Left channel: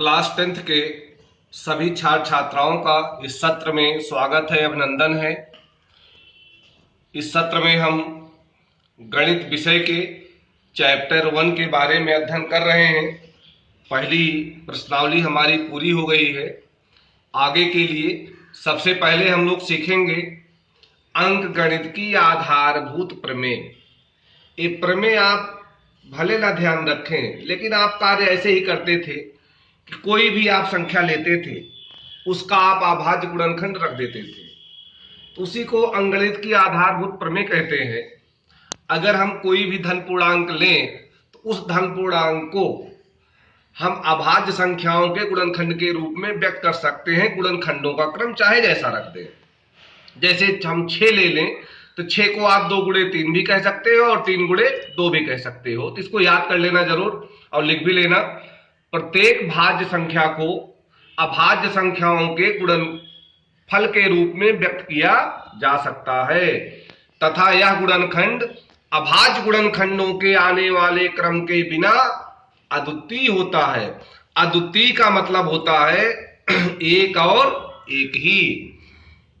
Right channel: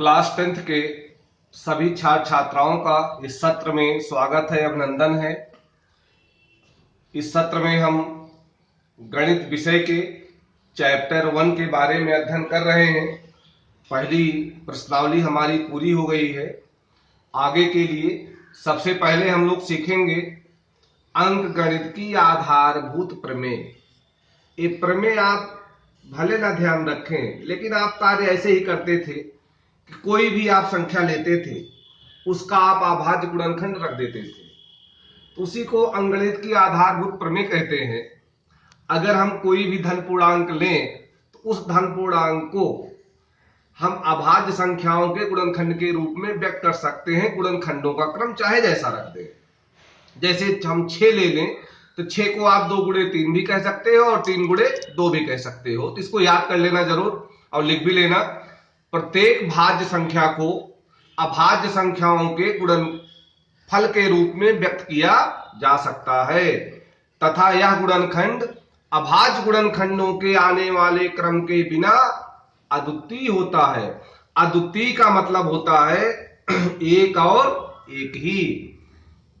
Class 10th के सभी छात्र छात्राओं का इस सत्र में स्वागत है, अभिनंदन है। इस सत्र में हम गणित विषय के चैप्टर 1 के बारे में अध्ययन कर रहे हैं। पहली प्रश्नावली हमारी पूरी हो गई है। आगे के लिए सबसे पहले हम लोग सीखेंगे अंक गणित की आधारभूत प्रमेय। ये प्रमेय आप भले ना ध्यान रखें, लेकिन आप कार्य ऐसे ही करते थे कि कोई भी आप संख्या लेते थे, उसका आप अभाज्य गुणनखंड रख देते थे, तो उसी को अंकगणित की आधारभूत प्रमेय कहते हैं। अगर हम कोई भी धन पूर्णांक लें तो उस धन पूर्णांक को हम अभाज्य संख्याओं के गुणनखंड के रूप में व्यक्त कर सकते हैं। गुणनखंडों का क्रम चाहे जैसा रख दें। जैसे हम 6 ले लें तो 6 को आप 2 गुणे 3 भी कह सकते हो और 3 गुणे 2 भी कह सकते हो। तो इसको याद कर लेना जरूर और लिख भी लेना। प्रत्येक भाज्य संख्या को अभाज्य संख्याओं के गुणनफल के रूप में व्यक्त किया जा सकता है तथा यह गुणनखंड अभाज्य गुणनखंडों के आने वाले क्रम के बिना अद्वितीय होता है। अद्वितीय का मतलब होता है एक और एक ही।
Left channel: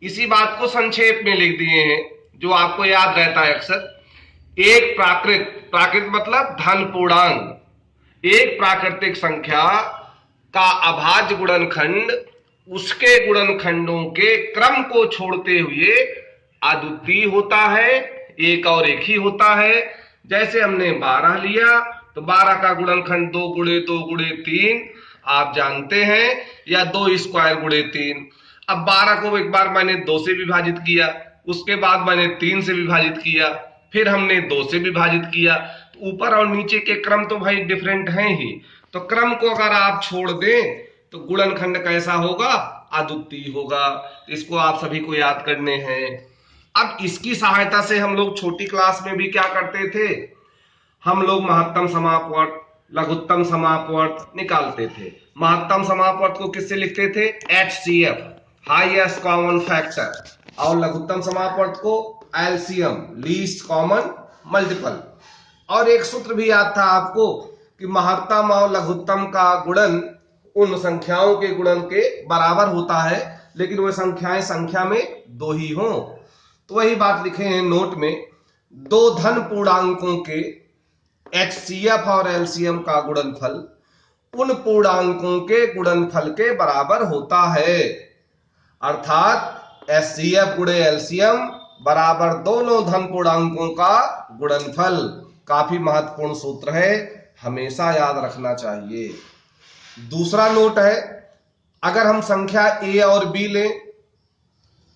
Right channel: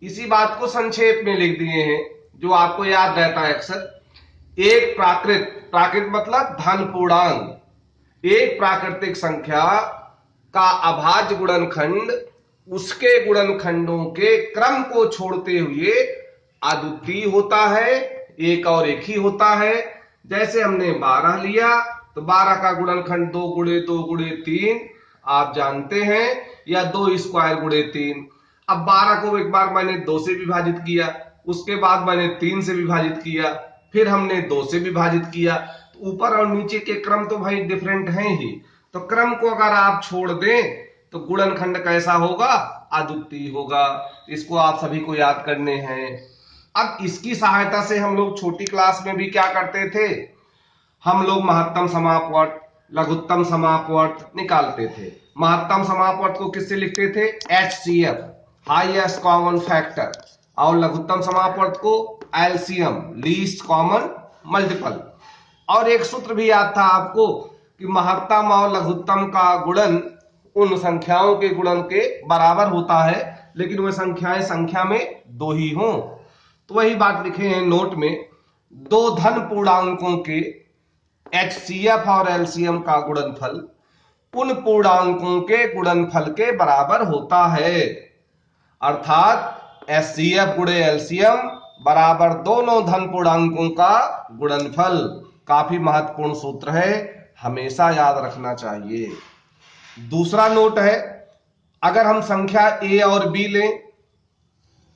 इसी बात को संक्षेप में लिख दिए हैं जो आपको याद रहता है अक्सर। एक प्राकृत मतलब धन पूर्णांक, एक प्राकृतिक संख्या का अभाज्य गुणनखंड उसके गुणनखंडों के क्रम को छोड़ते हुए अद्वितीय होता है, एक और एक ही होता है। जैसे हमने 12 लिया तो 12 का गुणनखंड 2 गुणे 2 गुणे 3 आप जानते हैं, या 2 स्क्वायर गुणे 3। अब 12 को एक बार मैंने 2 से विभाजित किया, उसके बाद मैंने 3 से विभाजित किया, फिर हमने 2 से विभाजित किया। तो ऊपर और नीचे के क्रम तो भाई डिफरेंट हैं ही, तो क्रम को अगर आप छोड़ दें तो गुणनखंड कैसा होगा? अद्वितीय होगा। इसको आप सभी को याद करने हैं। अब इसकी सहायता से हम लोग छोटी क्लास में भी क्या करते थे, हम लोग महत्तम समापवर्त लघुत्तम समापवर्त निकालते थे। महत्तम समापवर्त को किससे लिखते थे? HCF, हाईएस्ट कॉमन फैक्टर, और लघुत्तम समापवर्त को LCM, लीस्ट कॉमन मल्टीपल। और एक सूत्र भी याद था आपको कि महत्तम और लघुत्तम का गुणन उन संख्याओं के गुणन के बराबर होता है, लेकिन वह संख्याएं संख्या में 2 ही हों। तो वही बात लिखे हैं नोट में, 2 धन पूर्णांकों के HCF और LCM का गुणनफल उन पूर्णांकों के गुणनफल के बराबर होता है। अर्थात HCF गुणे LCM बराबर दोनों धन पूर्णांकों का गुणनफल। काफी महत्वपूर्ण सूत्र है, हमेशा याद रखना चाहिए। दूसरा नोट है, अगर हम संख्या A और B लें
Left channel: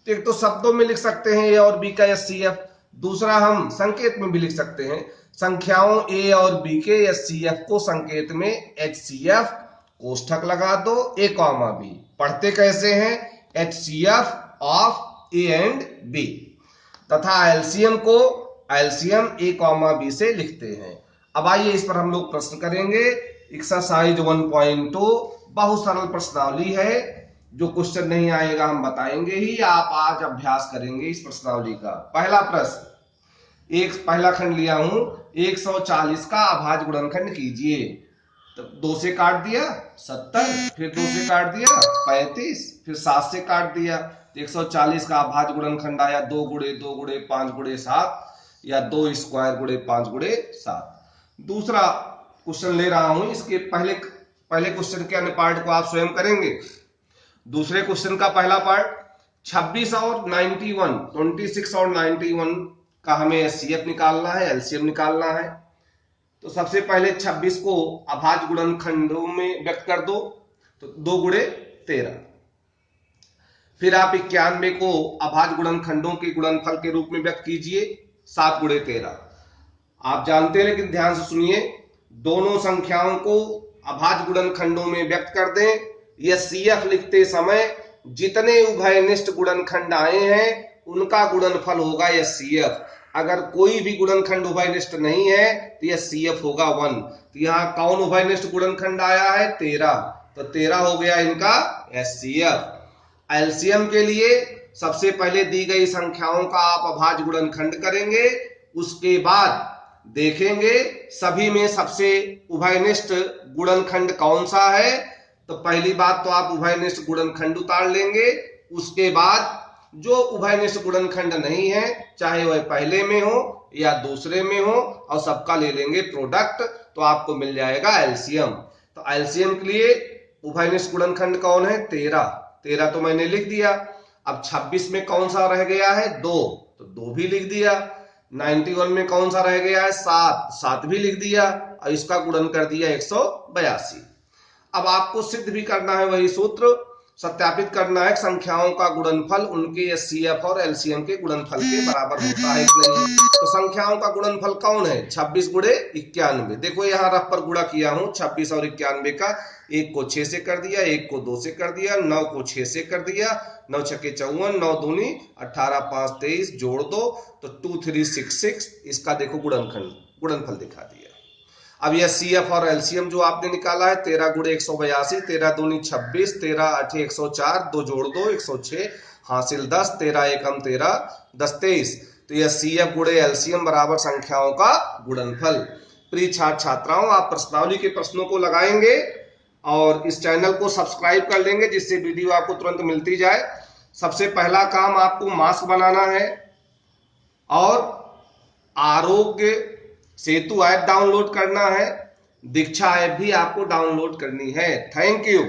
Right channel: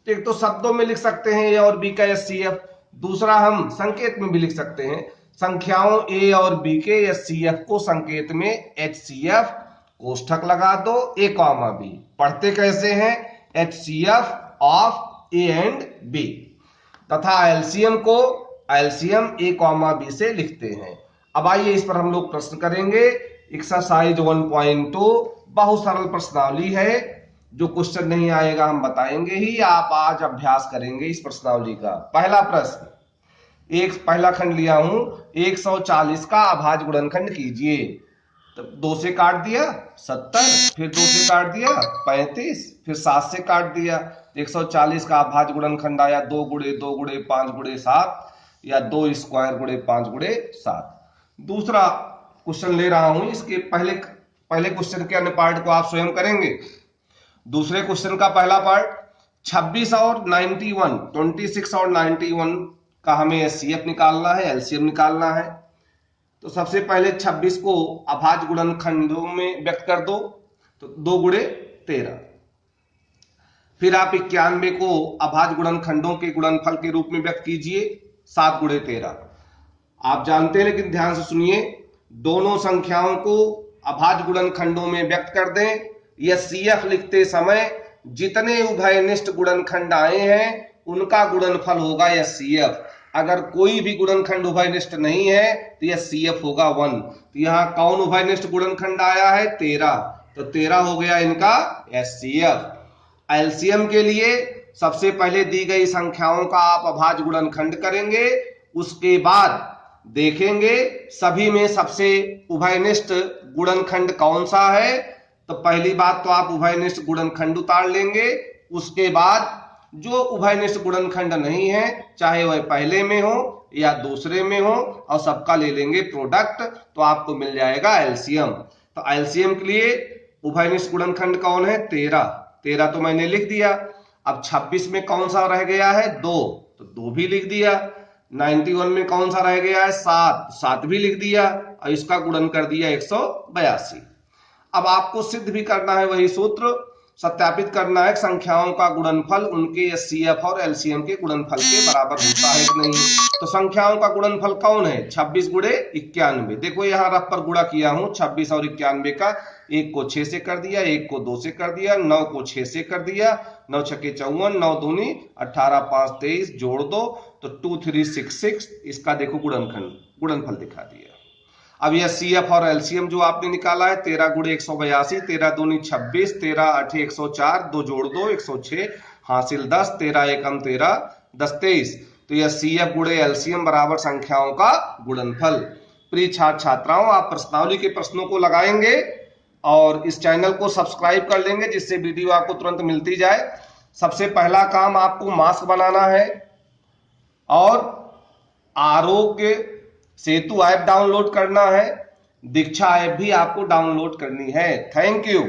तो एक तो शब्दों में लिख सकते हैं A और B का HCF, दूसरा हम संकेत में भी लिख सकते हैं। संख्याओं A और B के HCF को संकेत में HCF कोष्ठक लगा दो A, B। पढ़ते कैसे हैं? HCF of A and B, तथा LCM को LCM A, B से लिखते हैं। अब आइए इस पर हम लोग प्रश्न करेंगे। एक्सरसाइज 1.2 बहुत सरल प्रश्नावली है, जो क्वेश्चन नहीं आएगा हम बताएंगे ही, आप आज अभ्यास करेंगे इस प्रश्नावली का। पहला प्रश्न, पहला खंड लिया हूं, 140 का अभाज्य गुणनखंड कीजिए। तो 2 से काट दिया 70, फिर 2 से काट दिया 35, फिर 7 से काट दिया। 140 का अभाज्य गुणनखंड आया 2 गुणे 2 गुणे 5 गुणे 7, या 2 स्क्वायर गुणे 5 गुणे 7। दूसरा क्वेश्चन ले रहा हूं, इसके पहले क्वेश्चन के अन्य पार्ट को आप स्वयं करेंगे। दूसरे क्वेश्चन का पहला पार्ट, 26 और 91 का हमें HCF निकालना है, LCM निकालना है। तो सबसे पहले 26 को अभाज्य गुणनखंडों में व्यक्त कर दो, तो 2 गुणे 13। फिर आप 91 को अभाज्य गुणनखंडों के गुणनफल के रूप में व्यक्त कीजिए, 7 गुणे 13। आप जानते हैं, लेकिन ध्यान से सुनिए, दोनों संख्याओं को अभाज्य गुणनखंडों में व्यक्त कर दें। HCF लिखते समय जितने उभयनिष्ठ गुणनखंड आए हैं उनका गुणनफल होगा HCF। अगर कोई भी गुणनखंड उभयनिष्ठ नहीं है तो HCF होगा 1। तो यहाँ कौन उभयनिष्ठ गुणनखंड आया है? 13, तो 13 हो गया इनका HCF। LCM के लिए सबसे पहले दी गई संख्याओं का आप अभाज्य गुणनखंड करेंगे, उसके बाद देखेंगे सभी में सबसे उभयनिष्ठ गुणनखंड कौन सा है, तो पहली बात तो आप उभयनिष्ठ गुणनखंड उतार लेंगे। उसके बाद जो उभयनिष्ठ गुणनखंड नहीं है, चाहे वह पहले में हो या दूसरे में हो, और सबका ले लेंगे प्रोडक्ट, तो आपको मिल जाएगा एलसीएम। तो एलसीएम के लिए उभयनिष्ठ गुणनखंड कौन है? 13। 13 तो मैंने लिख दिया। अब 26 में कौन सा रह गया है? 2, तो 2 भी लिख दिया। 91 में कौन सा रह गया है? 7, 7 भी लिख दिया, और इसका गुणन कर दिया 182। अब आपको सिद्ध भी करना है वही सूत्र, सत्यापित करना है संख्याओं का गुणनफल उनके एचसीएफ और एलसीएम के गुणनफल के बराबर होता है कि नहीं। तो संख्याओं का गुणनफल कौन है? 26 गुणे 91। देखो यहाँ रफ पर गुणा किया हूं 26 और 91 का। 1 को 6 से कर दिया, 1 को 2 से कर दिया, 9 को 6 से कर दिया, 9 छक्के 54, 9 दूनी 18, 5 23, जोड़ दो तो 2366। इसका देखो गुणनफल दिखा दिया। अब यह सीएफ और एलसीएम जो आपने निकाला है 13 गुणे 182, 13 दूनी 26, 13 8 104, 2 जोड़ दो 106, हासिल 10, 13 एकम 13, 10 23। तो यह सीएफ गुणे एलसीएम बराबर संख्याओं का गुणनफल। प्रिय छात्र छात्राओं, आप प्रश्नावली के प्रश्नों को लगाएंगे और इस चैनल को सब्सक्राइब कर लेंगे जिससे वीडियो आपको तुरंत मिलती जाए। सबसे पहला काम आपको मास्क बनाना है और आरोग्य सेतु ऐप डाउनलोड करना है। दीक्षा ऐप भी आपको डाउनलोड करनी है। Thank you.